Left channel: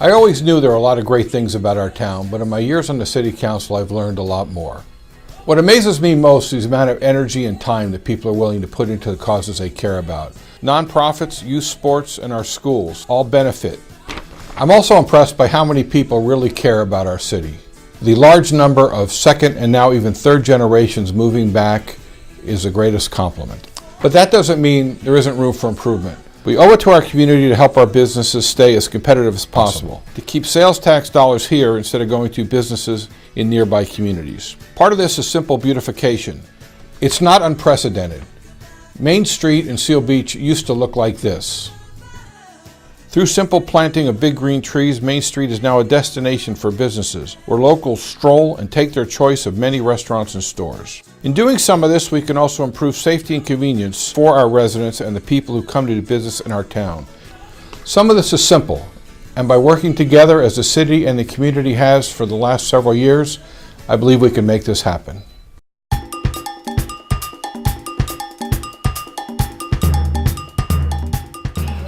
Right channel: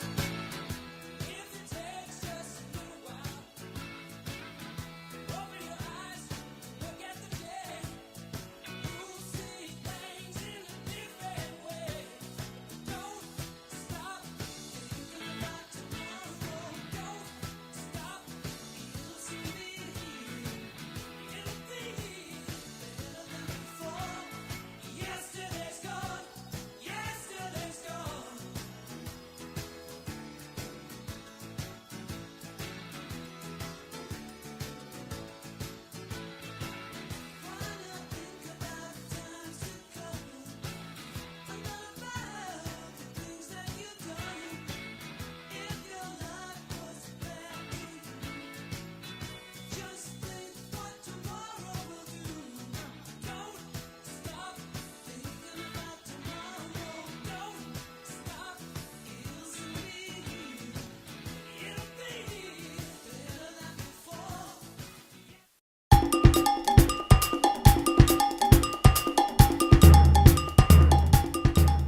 I always knew there were a lot of great things about our town, but in my years on the City Council, I've learned a lot more. What amazes me most is the amount of energy and time that people are willing to put into the causes they care about. Nonprofits, youth sports, and our schools all benefit. I'm also impressed by how many people really care about our city. The large number of second and now even third generations moving back is the greatest compliment. But that doesn't mean there isn't room for improvement. We owe it to our community to help our businesses stay as competitive as possible, to keep sales tax dollars here instead of going to businesses in nearby communities. Part of this is simple beautification. It's not unprecedented. Main Street in Seal Beach used to look like this. Through simple planting of big green trees, Main Street is now a destination for businesses, where locals stroll and take their choice of many restaurants and stores. In doing some of this, we can also improve safety and convenience for our residents and the people who come to do business in our town. Some of this is simple, and by working together as the city and the community has for the last several years, I believe we can make this happen.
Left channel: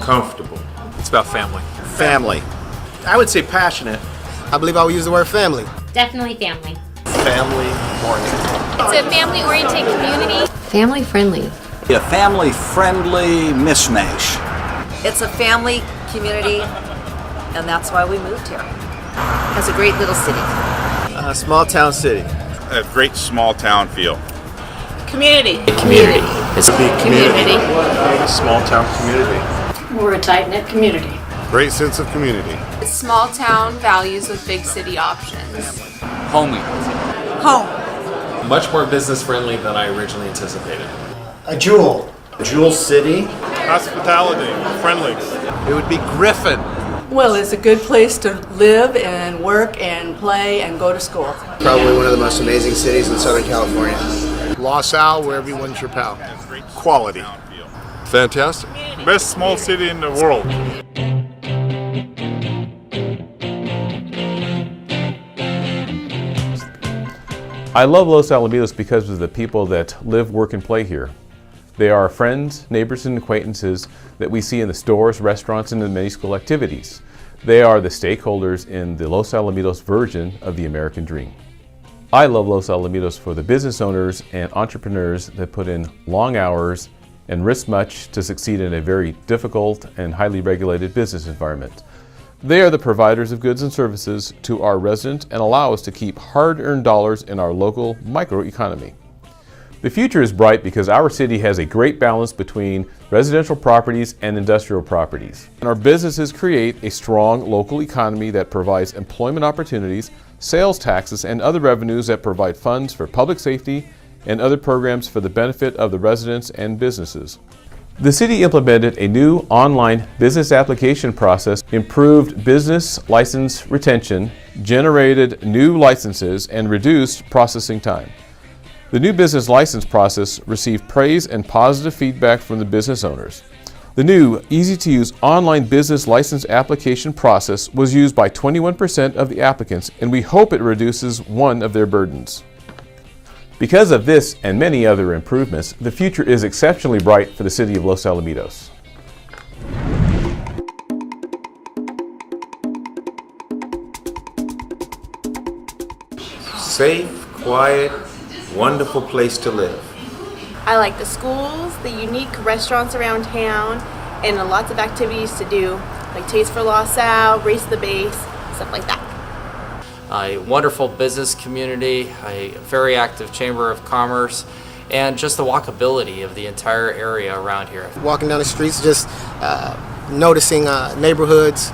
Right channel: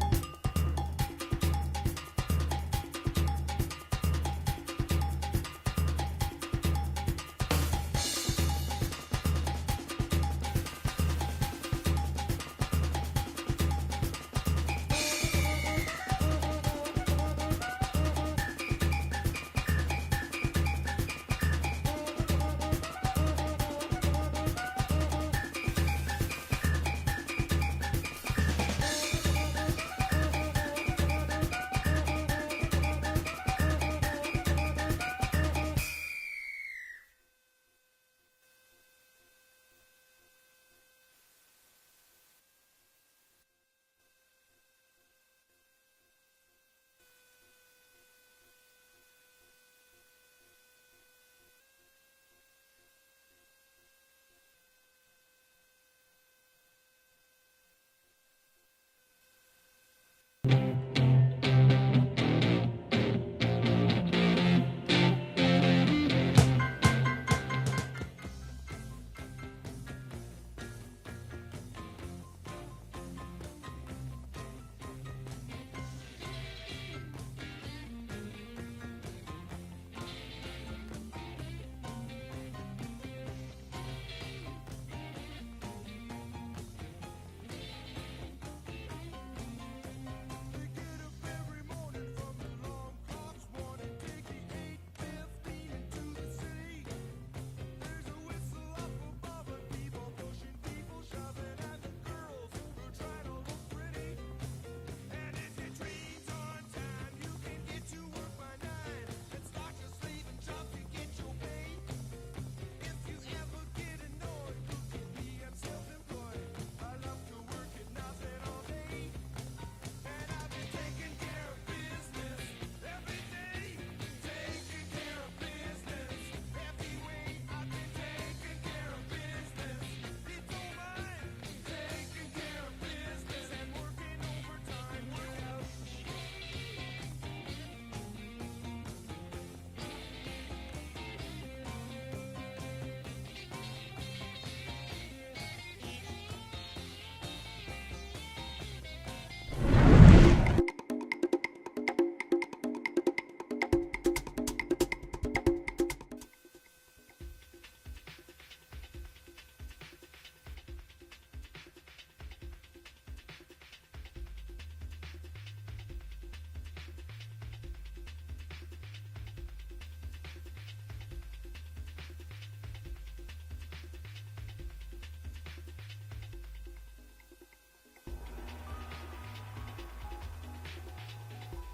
Comfortable. It's about family. Family. I would say passionate. I believe I would use the word family. Definitely family. Family-oriented. It's a family-oriented community. Family-friendly. A family-friendly mishmash. It's a family community, and that's why we moved here. It's a great little city. A small town city. A great small town feel. Community. Community. It's a big community. Small town community. We're a tight-knit community. Great sense of community. Small town values with big city options. Homey. Home. Much more business friendly than I originally anticipated. A jewel. Jewel City. Hospitality, friendly. It would be Griffin. Well, it's a good place to live and work and play and go to school. Probably one of the most amazing cities in Southern California. Los Al, where everyone's your pal. Quality. Fantastic. Best small city in the world. I love Los Alamitos because of the people that live, work, and play here. They are friends, neighbors, and acquaintances that we see in the stores, restaurants, and in many school activities. They are the stakeholders in the Los Alamitos version of the American dream. I love Los Alamitos for the business owners and entrepreneurs that put in long hours and risk much to succeed in a very difficult and highly regulated business environment. They are the providers of goods and services to our residents and allow us to keep hard-earned dollars in our local microeconomy. The future is bright because our city has a great balance between residential properties and industrial properties. And our businesses create a strong local economy that provides employment opportunities, sales taxes, and other revenues that provide funds for public safety and other programs for the benefit of the residents and businesses. The city implemented a new online business application process, improved business license retention, generated new licenses, and reduced processing time. The new business license process received praise and positive feedback from the business owners. The new, easy-to-use online business license application process was used by 21% of the applicants, and we hope it reduces one of their burdens. Because of this and many other improvements, the future is exceptionally bright for the city of Los Alamitos. Safe, quiet, wonderful place to live. I like the schools, the unique restaurants around town, and lots of activities to do, like Taste for Los Al, Race the Base, stuff like that. A wonderful business community, a very active Chamber of Commerce, and just the walkability of the entire area around here. Walking down the streets, just noticing neighborhoods,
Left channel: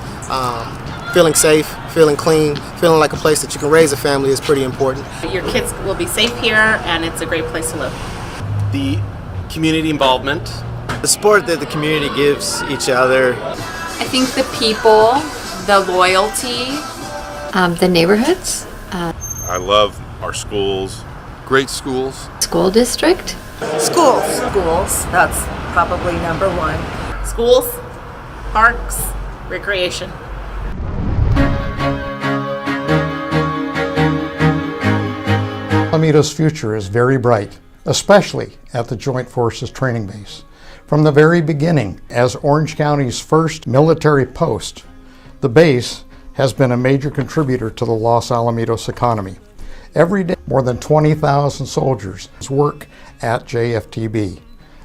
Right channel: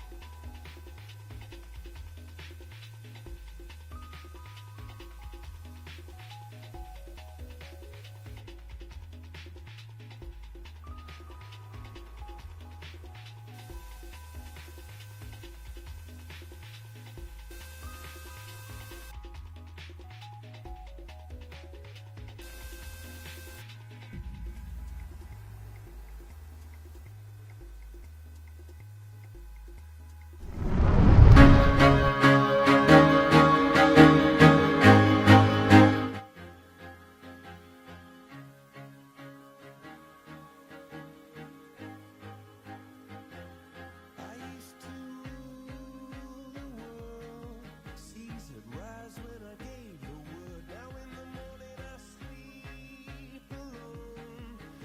feeling safe, feeling clean, feeling like a place that you can raise a family is pretty important. Your kids will be safe here, and it's a great place to live. The community involvement. The support that the community gives each other. I think the people, the loyalty. The neighborhoods. I love our schools. Great schools. School district. Schools. Schools, that's probably number one. Schools, parks, recreation. Alamitos' future is very bright, especially at the Joint Forces Training Base. From the very beginning, as Orange County's first military post, the base has been a major contributor to the Los Alamitos economy. Every day, more than 20,000 soldiers work at JFTB.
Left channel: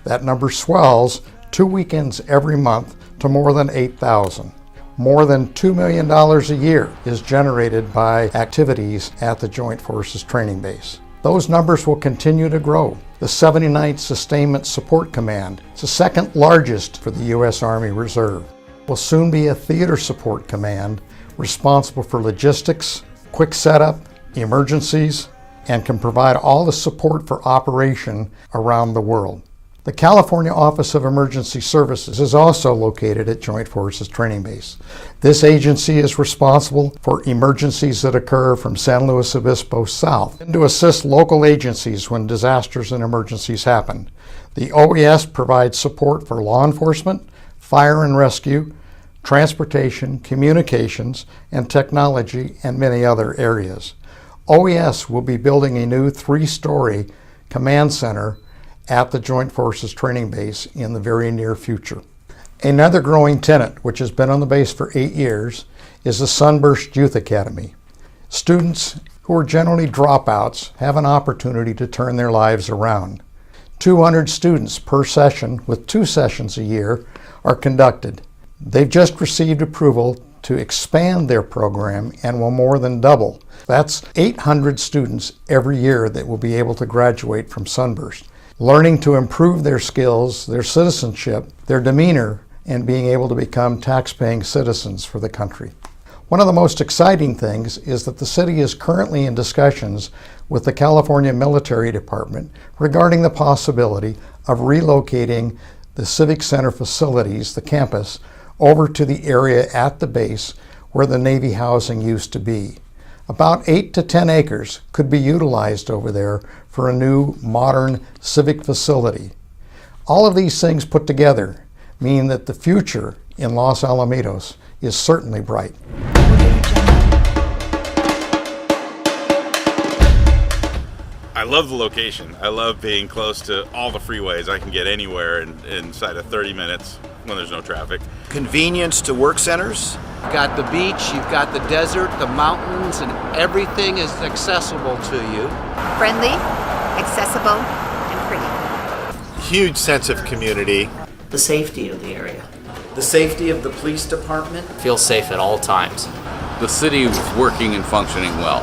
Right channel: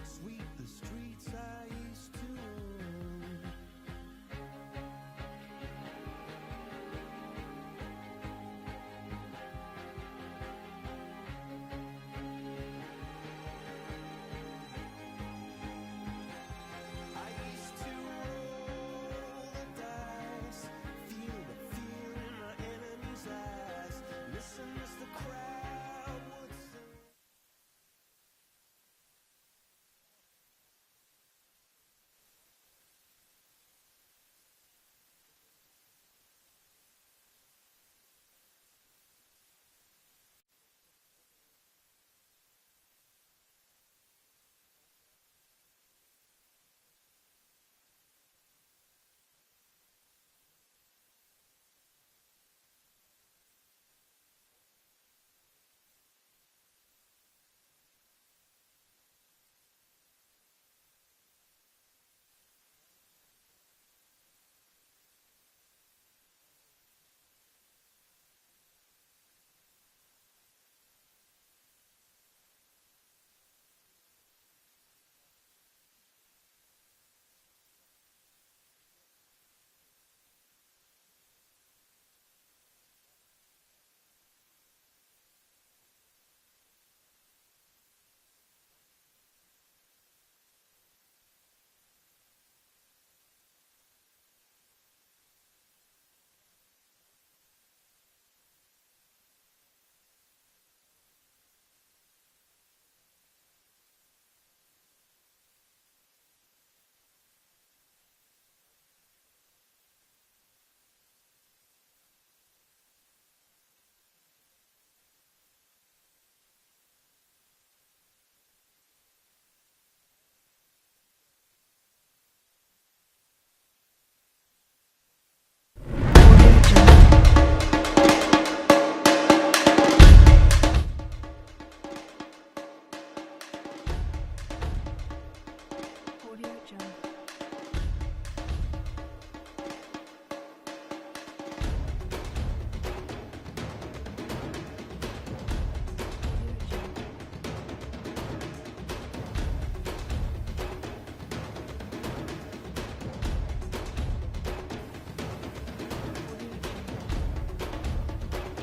That number swells 2 weekends every month to more than 8,000. More than $2 million a year is generated by activities at the Joint Forces Training Base. Those numbers will continue to grow. The 79th Sustainment Support Command is the second largest for the U.S. Army Reserve. Will soon be a theater support command responsible for logistics, quick setup, emergencies, and can provide all the support for operation around the world. The California Office of Emergency Services is also located at Joint Forces Training Base. This agency is responsible for emergencies that occur from San Luis Obispo south and to assist local agencies when disasters and emergencies happen. The OES provides support for law enforcement, fire and rescue, transportation, communications, and technology, and many other areas. OES will be building a new 3-story command center at the Joint Forces Training Base in the very near future. Another growing tenant, which has been on the base for 8 years, is the Sunburst Youth Academy. Students who are generally dropouts have an opportunity to turn their lives around. 200 students per session, with 2 sessions a year, are conducted. They've just received approval to expand their program and will more than double. That's 800 students every year that will be able to graduate from Sunburst, learning to improve their skills, their citizenship, their demeanor, and being able to become tax-paying citizens for the country. One of the most exciting things is that the city is currently in discussions with the California Military Department regarding the possibility of relocating the Civic Center facilities, the campus, over to the area at the base where the Navy housing used to be. About 8 to 10 acres could be utilized over there for a new modern civic facility. All of these things put together mean that the future in Los Alamitos is certainly bright. I love the location. I love being close to all the freeways. I can get anywhere inside of 30 minutes when there's no traffic. Convenience to work centers. You've got the beach, you've got the desert, the mountains, and everything is accessible to you. Friendly, accessible, and pretty. Huge sense of community. The safety of the area. The safety of the police department. Feel safe at all times. The city is working and functioning well.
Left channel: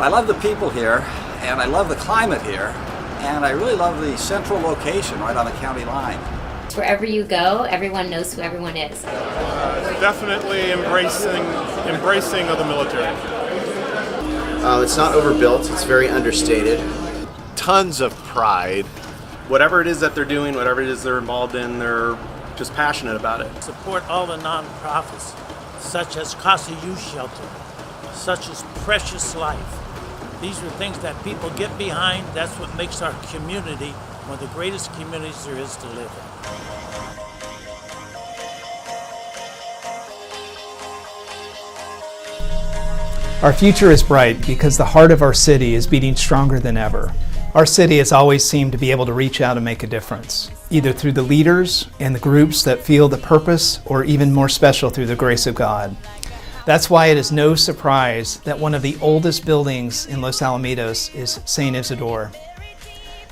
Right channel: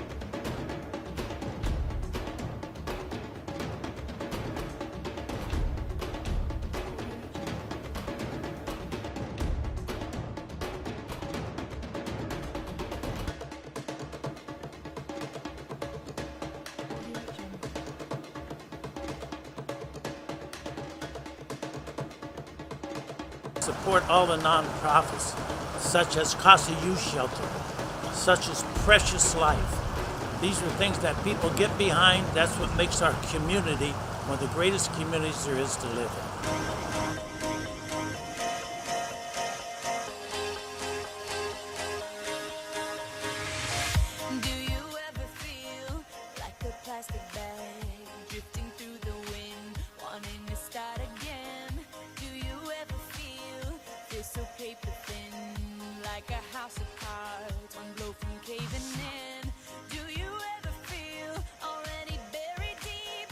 I love the people here, and I love the climate here, and I really love the central location right on the county line. Wherever you go, everyone knows who everyone is. Definitely embracing of the military. It's not overbuilt, it's very understated. Tons of pride. Whatever it is that they're doing, whatever it is they're involved in, they're just passionate about it. Support all the nonprofits, such as Casa Youth Shelter, such as Precious Life. These are things that people get behind. That's what makes our community one of the greatest communities there is to live in. Our future is bright because the heart of our city is beating stronger than ever. Our city has always seemed to be able to reach out and make a difference, either through the leaders and the groups that feel the purpose, or even more special through the grace of God. That's why it is no surprise that one of the oldest buildings in Los Alamitos is St. Isidore.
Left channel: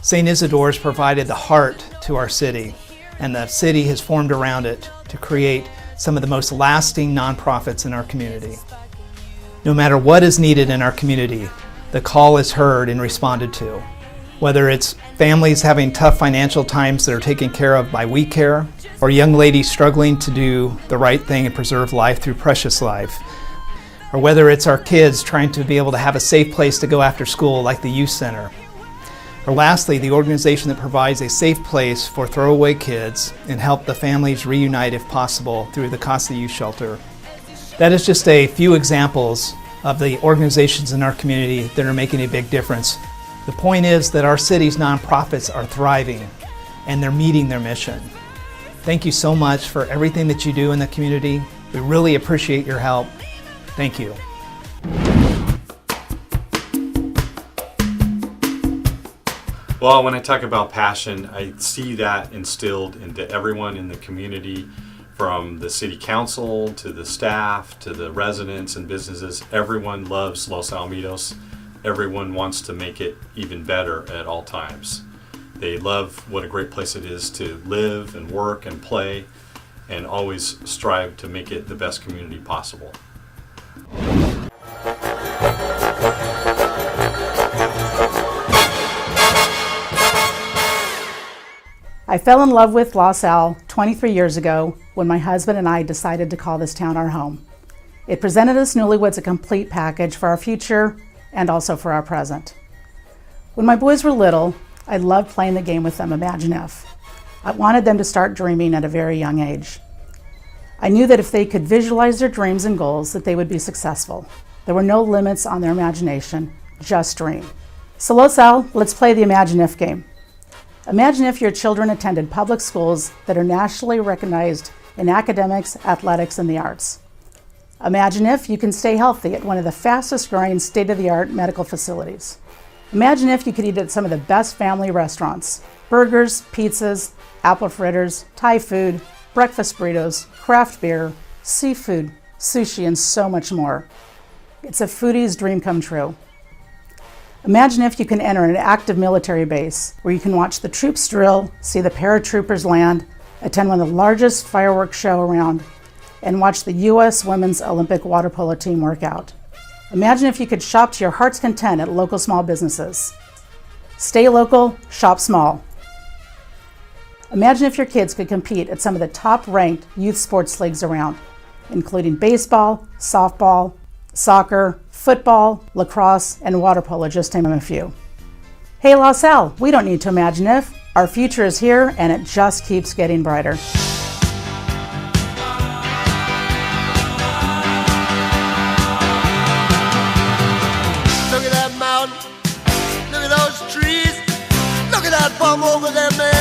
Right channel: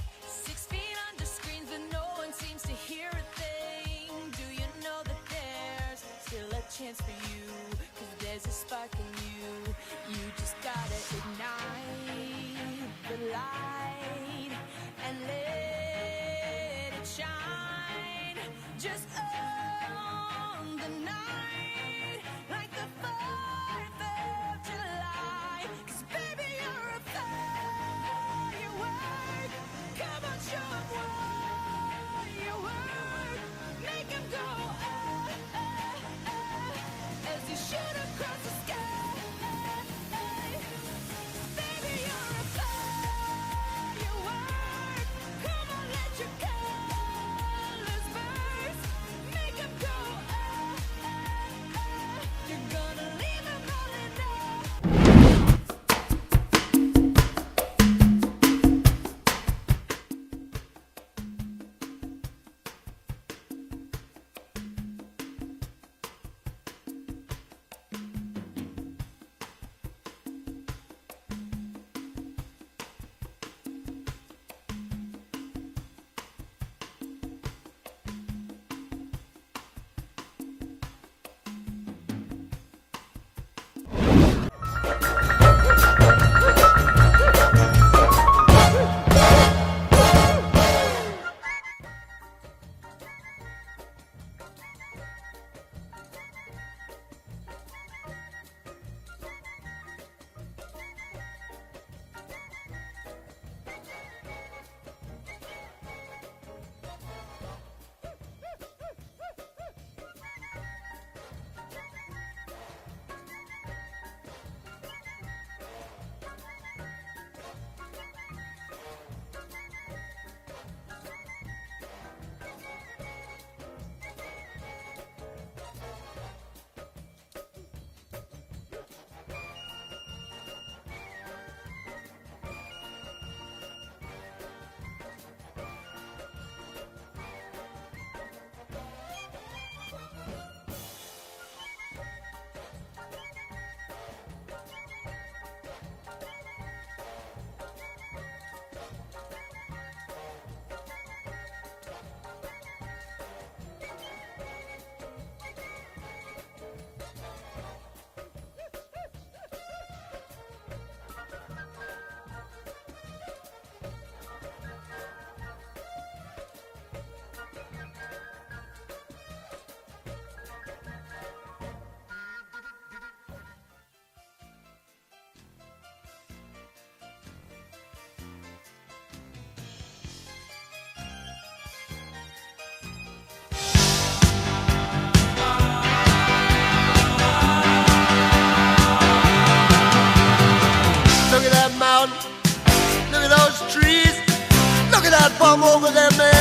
St. Isidore has provided the heart to our city, and the city has formed around it to create some of the most lasting nonprofits in our community. No matter what is needed in our community, the call is heard and responded to. Whether it's families having tough financial times that are taken care of by We Care, or young ladies struggling to do the right thing and preserve life through Precious Life, or whether it's our kids trying to be able to have a safe place to go after school like the Youth Center, or lastly, the organization that provides a safe place for throwaway kids and help the families reunite if possible through the Casa Youth Shelter. That is just a few examples of the organizations in our community that are making a big difference. The point is that our city's nonprofits are thriving and they're meeting their mission. Thank you so much for everything that you do in the community. We really appreciate your help. Thank you. Well, when I talk about passion, I see that instilled into everyone in the community From the city council to the staff to the residents and businesses, everyone loves Los Alamitos. Everyone wants to make it even better at all times. They love what a great place it is to live and work and play, and always strive to make it the best community possible. I fell in love with Los Al 23 years ago when my husband and I decided to call this town our home. It presented us newlyweds a complete package for our future and also for our present. When my boys were little, I loved playing the game with them, Imagine If. I wanted them to start dreaming at a very young age. I knew that if they could visualize their dreams and goals, that they would be successful. There were no limits on their imagination, just dream. So Los Al, let's play the Imagine If game. Imagine if your children attended public schools that are nationally recognized in academics, athletics, and the arts. Imagine if you can stay healthy at one of the fastest growing state-of-the-art medical facilities. Imagine if you could eat at some of the best family restaurants. Burgers, pizzas, apple fritters, Thai food, breakfast burritos, craft beer, seafood, sushi, and so much more. It's a foodie's dream come true. Imagine if you can enter an active military base where you can watch the troops drill, see the paratroopers land, attend one of the largest fireworks show around, and watch the U.S. Women's Olympic water polo team work out. Imagine if you could shop to your heart's content at local small businesses. Stay local, shop small. Imagine if your kids could compete at some of the top-ranked youth sports leagues around, including baseball, softball, soccer, football, lacrosse, and water polo, just to name a few. Hey Los Al, we don't need to imagine if. Our future is here and it just keeps getting brighter. Look at that mountain, look at those trees, look at that bum over there, man.